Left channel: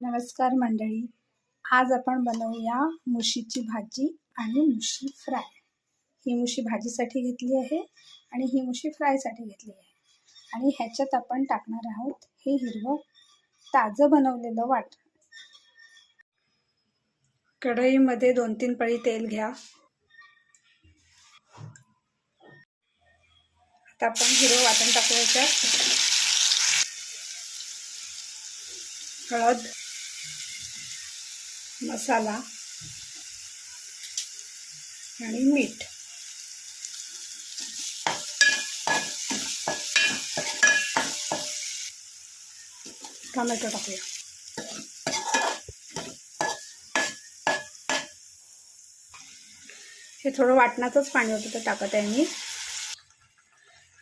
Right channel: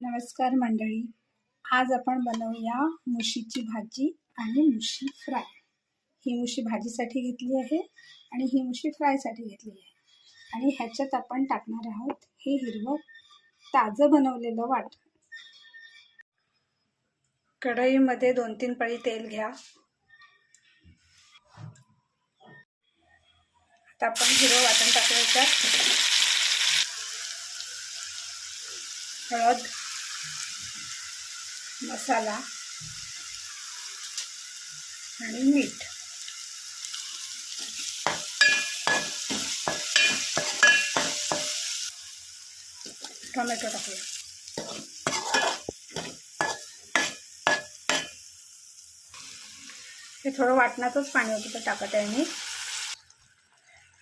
नमस्कार मंडळी, आज आपण बनवूया मुशीची भाजी आणि मुशी फ्राय। ही मुशी भाजीसाठी घेतली आहे आणि ही मुशी फ्रायसाठी घेतली आहे। आणि ह्याच्यात आपण टाकणार आहोत हे हिरवं ताजं बनवलेलं वाटण। कढईमध्ये 2-3 पळी तेल घ्या। आता आपण हिरवं वाटण टाकायचं। हळद, मसाला आणि मीठ। टोमॅटो टाकूया। हे थोडं वाटणाचंच पाणी होतं ते टाकत आहे मी।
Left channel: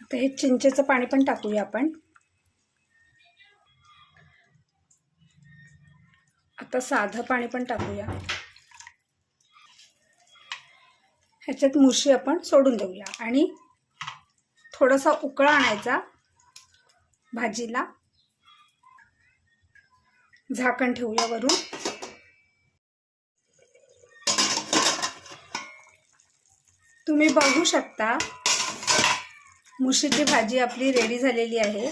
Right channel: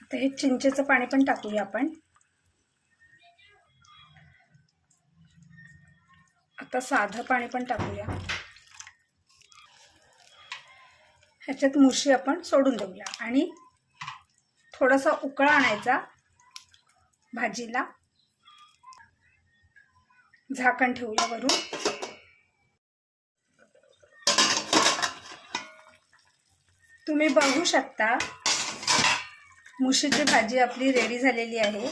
आता हे चिंचेचं पाणी पण टाकूया आपण। आता साधं पाणी पण टाकूया। ह्याच्यात मुशी आपण सोडून देऊया आणि थोडासा उकळा आणायचा भाजीला। झाकण ठेवूया वरून। तुम्ही बघू शकता मुशीची भाजी आपली रेडी झालेली आहे।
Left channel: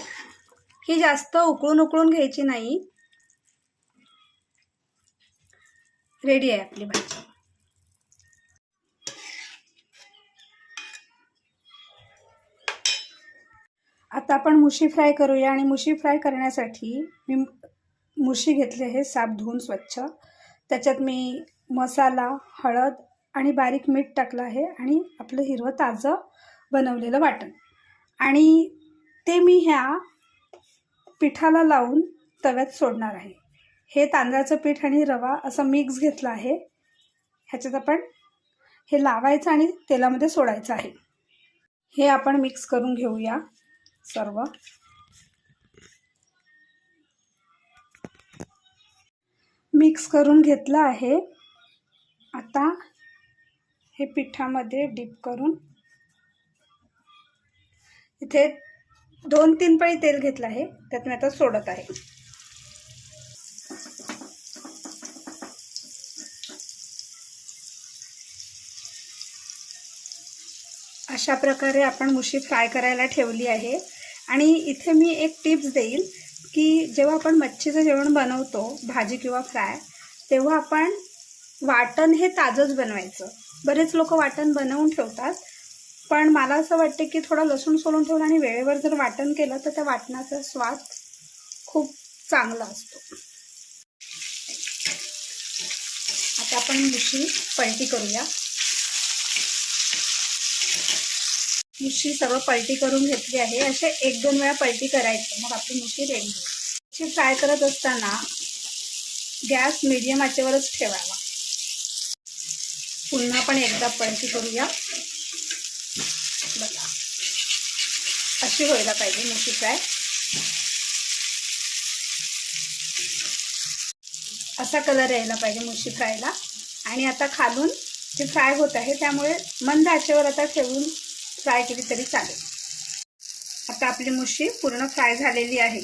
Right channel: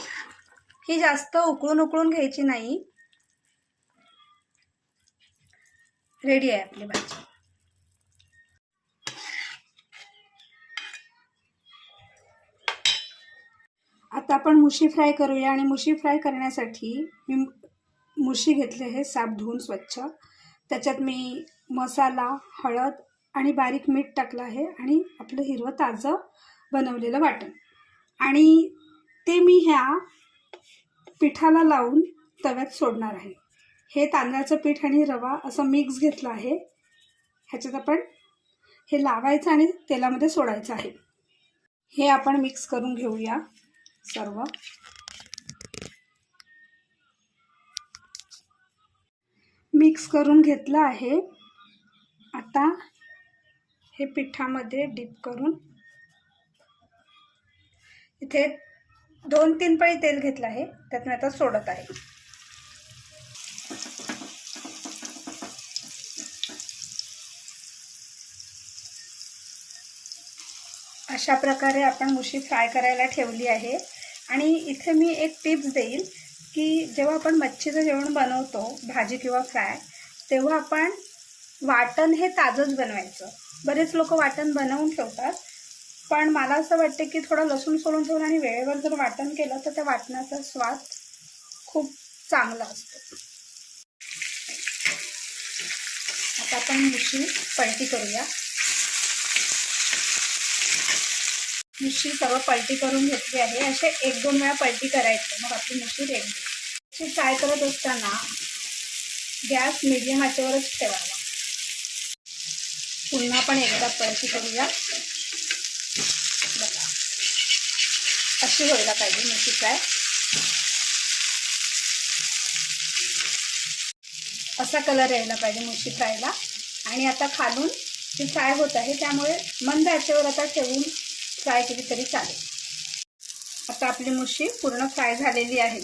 ही जास्त उकळून घ्यायची नाही। रेडी आहे आपली भाजी। आता आपण मुशी फ्राय करूया आणि मुशी फ्राय करण्यासाठी मी मुशी घेतली आहे साफ धुवून स्वच्छ। त्याच्यात मी मसाला, हळद आणि बारीक मीठ टाकलं आहे आणि आपलं हिरवं ताजं बनवलेलं वाटण आणि ते मी ह्या पिठाला लावून तव्यात सोडणार आहे। हे तांदळाचं पीठ आणि रवा असं मिक्स घेतलं आहे। ह्याच्यात आपण हे लावायचं आणि तेलामध्ये सोडायचं आहे। हे आपण मिक्स करून घेऊया सर्व। मिक्स करून घेतलं आहे। आता हे पिठामध्ये डिप करून इथे 2-3 पळी तेल घेतलं आहे, त्यात मी आता सोडत आहे। अशा प्रकारे आपण मुशी फ्राय करायला ठेवली आहे। आणि इथे मी एक टिप्स देईल की जेव्हा आपण मच्छीचं जेवण बनवतो, भाजी किंवा फ्राय, तेव्हा आपण वाटण हे ताजंच बनवायचं। बरेच लोक वाटण बनवून ठेवतात, पण मला असं वाटतं की थोडं लसूण सोलून ठेवलं आणि वेळेवर जर वाटण केलं तर त्या वाटणाचा स्वाद खूप चांगला असतो। आता आपण मुशी पलटी करूया। मुशी सर्व पलटी करून घेतली आहे। असे 1-2 वेळा पलटी करायचं, मग आपली मुशी रेडी होईल। मुशी फ्राय करत असताना गॅस मीडियम आचेवरच ठेवावा। पुन्हा पण एकदा पलटी करूया। बघा, अशी व्हायला पाहिजे मुशी फ्राय। असा कलर यायला पाहिजे मुशी फ्रायला। आणि आता खालून ती फ्राय होत आहे, त्यामुळे मंद आचेवर आता ठेवून फ्राय केली तरी चालेल। आता आपली मुशी पूर्ण फ्राय झालेली आहे।